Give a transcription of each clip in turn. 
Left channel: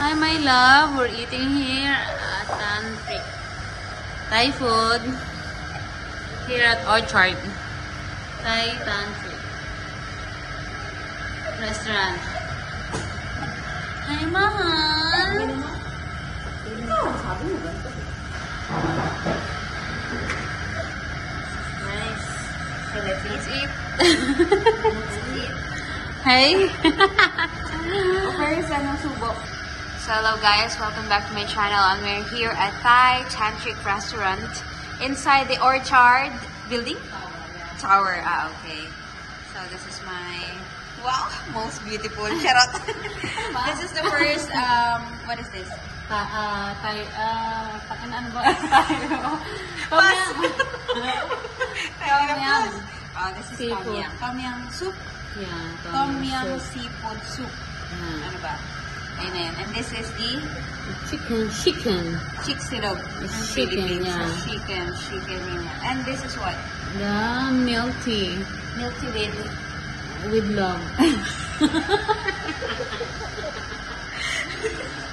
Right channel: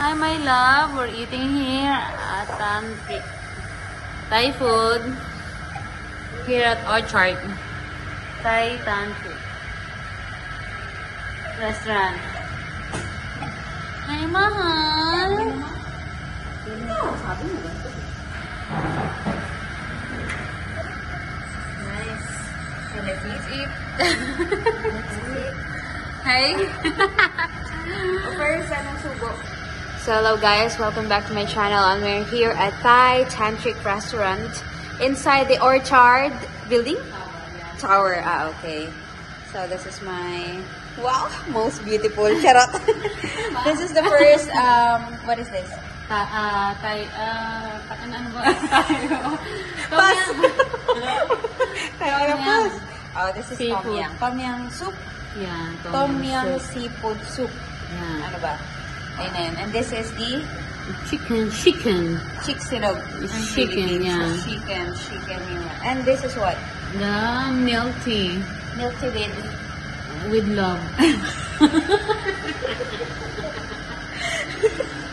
Hi, my love. We're eating here at Thai food here at Orchard. Thai food restaurant. Hi, mahal. Nice. Let's eat. Hi. First, anong subo? So hello guys, welcome back to my channel, and we're here at Thai Tantric Restaurant inside the Orchard building? Tower. Okay. So this is my, wow, most beautiful. Charot. This is the first, what is this? Thai, ano ba? Pass! Pass! Oh, this is Tom Yum. Tom Yum soup. Yeah, Tom Yum seafood soup. Ano ba? Ayun na yun. And this is the Chicken. chicken, yeah. Chicken. And this is what? The milk tea Milky with love.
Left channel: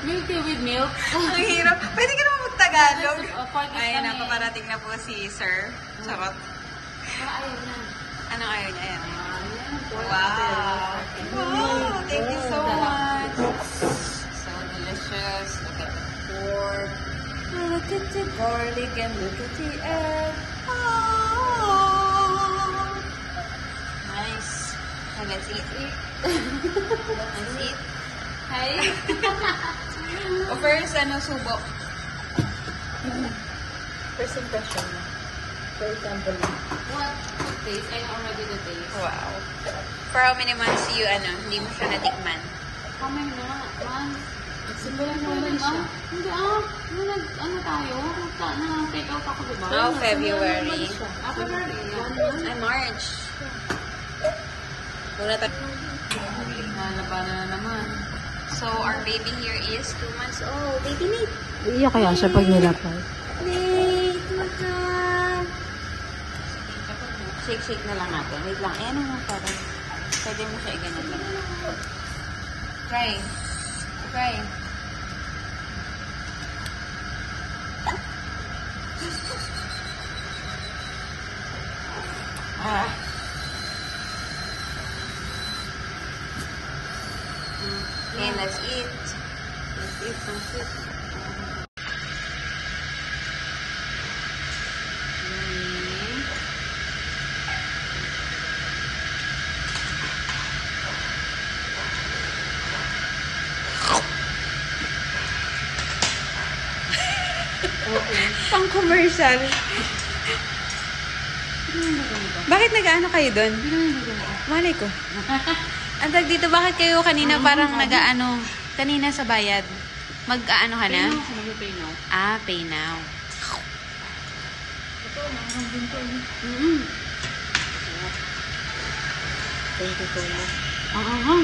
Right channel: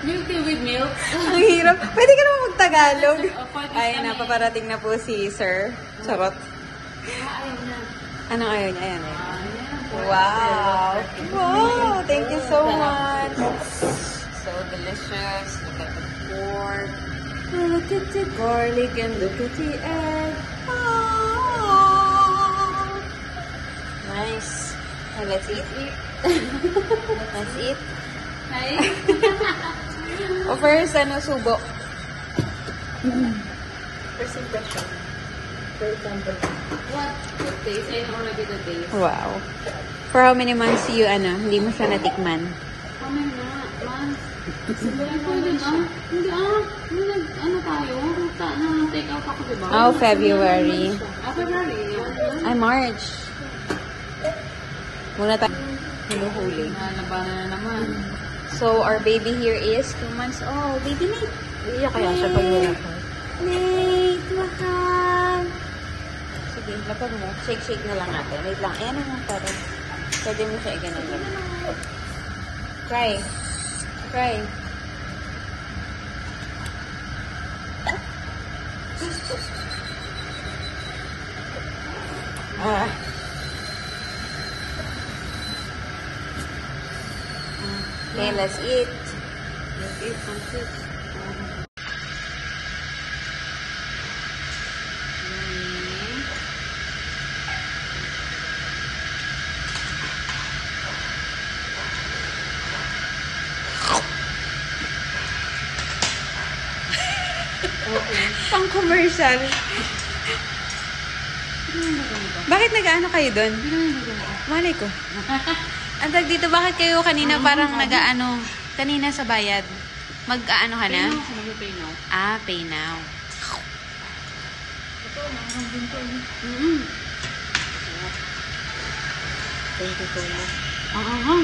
Milky with milk. Ang hirap. Pwede ka naman mag-Tagalog. Ay, napaparating na po si Sir. Charot. Anong ayaw niya? Ayan. Wow. Wow. Thank you so much. So delicious. Look at the pork. Look at the garlic and look at the egg. Oh. Nice. So let's eat. Let's eat. Hi. O first, ano subo? First impression. What? Good taste? I know already the taste. Wow. For how many months you, hindi mo siya natikman? How many months? Hindi pwede ba? Hindi ano tayo? Take out ako, diba? Oh, February. February. Ay, March. Muna tayo. Hinuhuli. Labanan na naman. So, our baby here is 2 months old. Baby na. Iya kaya siya pag nilapag. Sige, lapag mo. Shake na lang natin. Wait lang. Ano mo parang? Pwede mo siya ganun lang. Try. Okay, let's eat. Pang commercial. Bakit nag-ano kayo doon? Malay ko. Ang tag dito, bakit kayo kanina parang nag-ano, kanina sa bayad? Mag-ano ka na? Pay now. Ah, pay now. Ito, mahang din to. Thank you so much. Ang